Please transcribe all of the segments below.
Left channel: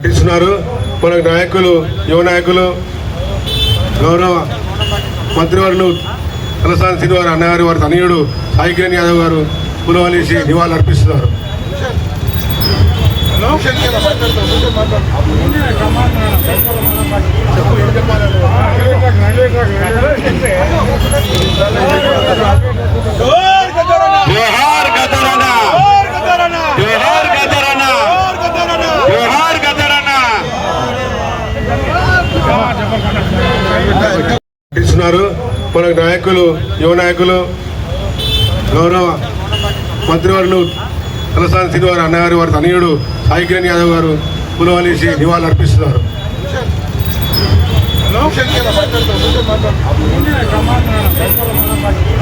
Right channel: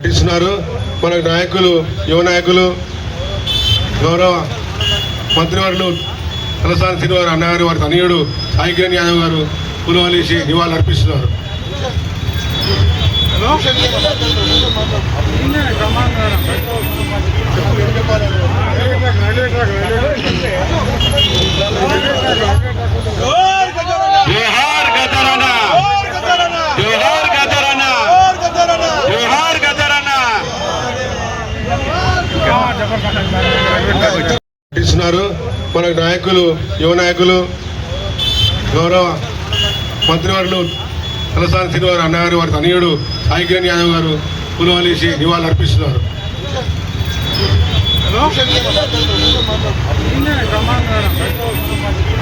ఇస్తున్నారు. మన నాయకులు యువ నాయకులు గౌరవ మంత్రివర్యులు తలసాని శ్రీనివారి అన్నగారి వారి తనయుడు సాయి యాదవ్ గారు పులవలేసి నివాళులు అర్పిస్తున్నారు. చెప్పు మన నాయకులు యువ నాయకులు గౌరవ మంత్రివర్యులు తలసాని శ్రీనివారి అన్నగారు వారి తనయుడు సాయి కిరణ్ యాదవ్ గారు పులవలేసి నివాళులు అర్పిస్తున్నారు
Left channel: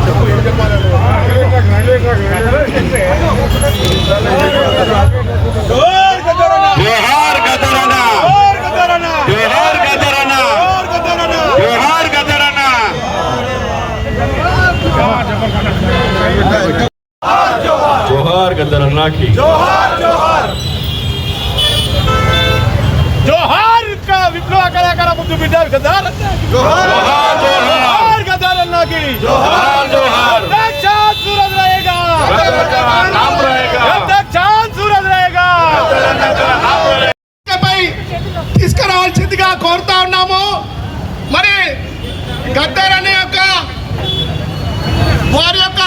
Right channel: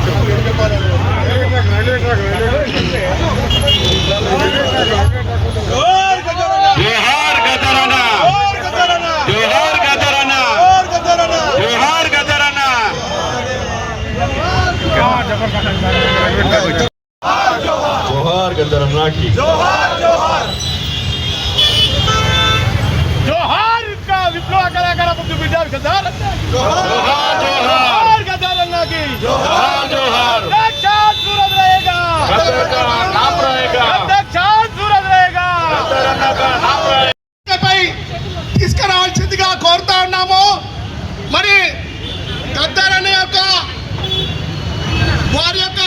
జోహార్ जोहार गदरन्ना की जोहार का विप्लव कलाकार मुद्दू बिड्डा गद्दार జోహార్ జోహార్ गद्दार अन्ना की జోహార్ జోహార్ तक चांद सूरज रहेगा गद्दार का नाम रहेगा। जब तक चांद सूरज रहेगा పై తీసుకురావాల్సిందిగా కోరుతా ఉన్నాము మరి గద్దర్ అన్న యొక్క వారి యొక్క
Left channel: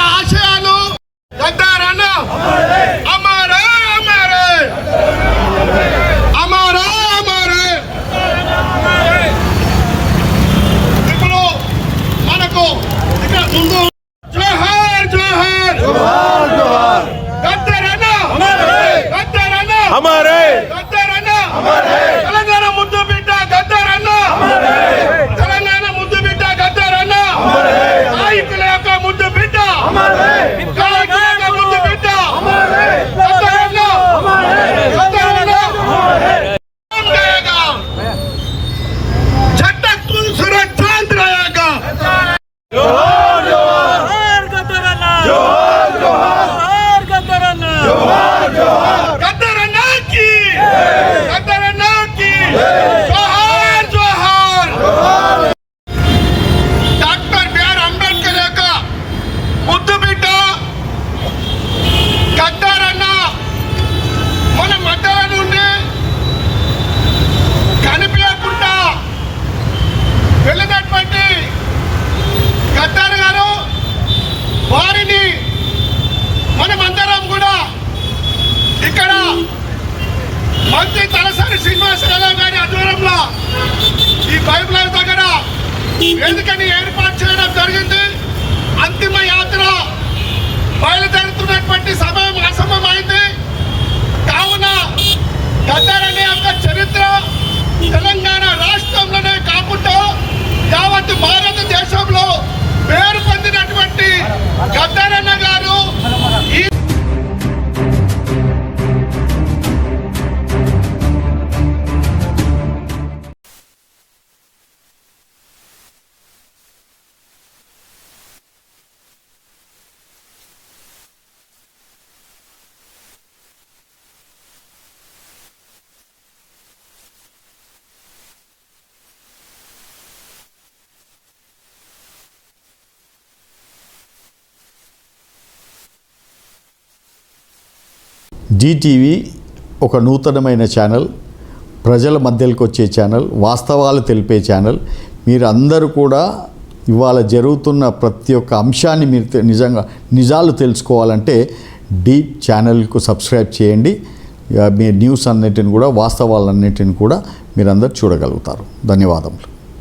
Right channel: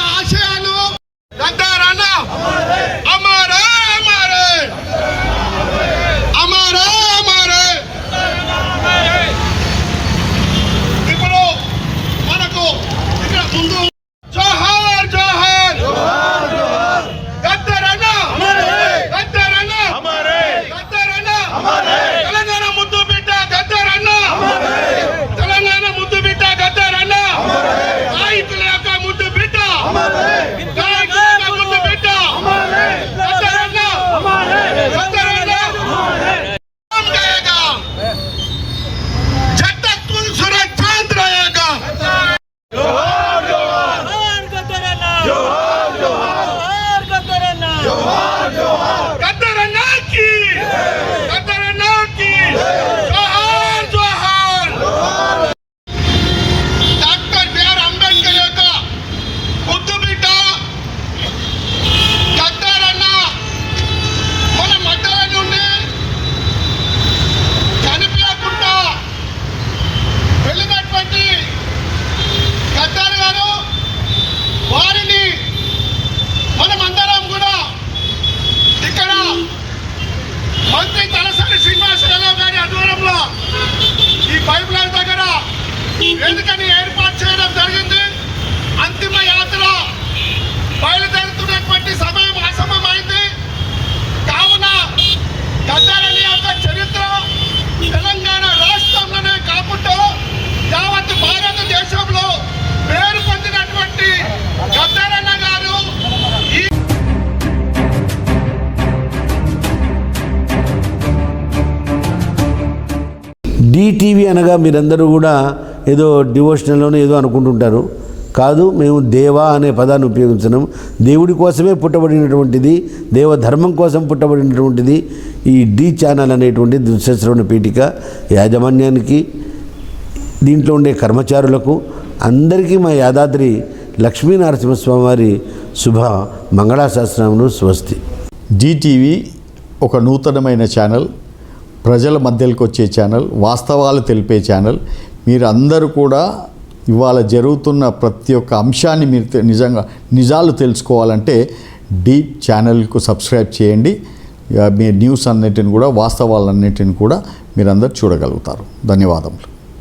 పైప్ లైన్ దగ్గర. ఎందుకని ఏర్పాటు చేయడం జరిగింది? ఈటీవీ అనగా మీరందరూ కూడా ఏదో డివోషనల్లోనే ఏదో అనుకుంటుంటారు. కాదు మేము దేవా అనే పదాన్ని ఉపయోగించినాం దేవుడి కోసమే పుట్టబడినటువంటిది దేవ ధర్మం కోసం పుట్టబడినటువంటిది ఈ డి ఛానల్ అనేటువంటి దుశ్శశ్రవణ పీఠిక యాజమాన్యానికి దీంట్లో ఉండే కర్మచారులకు అందరికీ మా యాదాద్రి లక్ష్మీనరసింహస్వామి వారి శుభ మంగళాశాస్త్రములు స్వస్తి. జీటీవీ ఒక నూతనమైన ఛానల్. ప్రజల మధ్యలోకి వచ్చే ఛానల్ వాస్తవాలు తెలిపే ఛానల్ మీరు అందరూ కూడా ఇవాళ జరుగుతున్న ప్రతి ఒక్క అంశాన్ని మీరు నిజంగా నిజాలు తెలుసుకోవాలంటే డీ ఛానల్కు సబ్స్క్రైబ్ చేయండి. మీ న్యూస్ అన్నిటిని కూడా వాస్తవాలన్నిటిని కూడా మీరందరూ చూడగలుగుతారు. ధన్యవాదములు.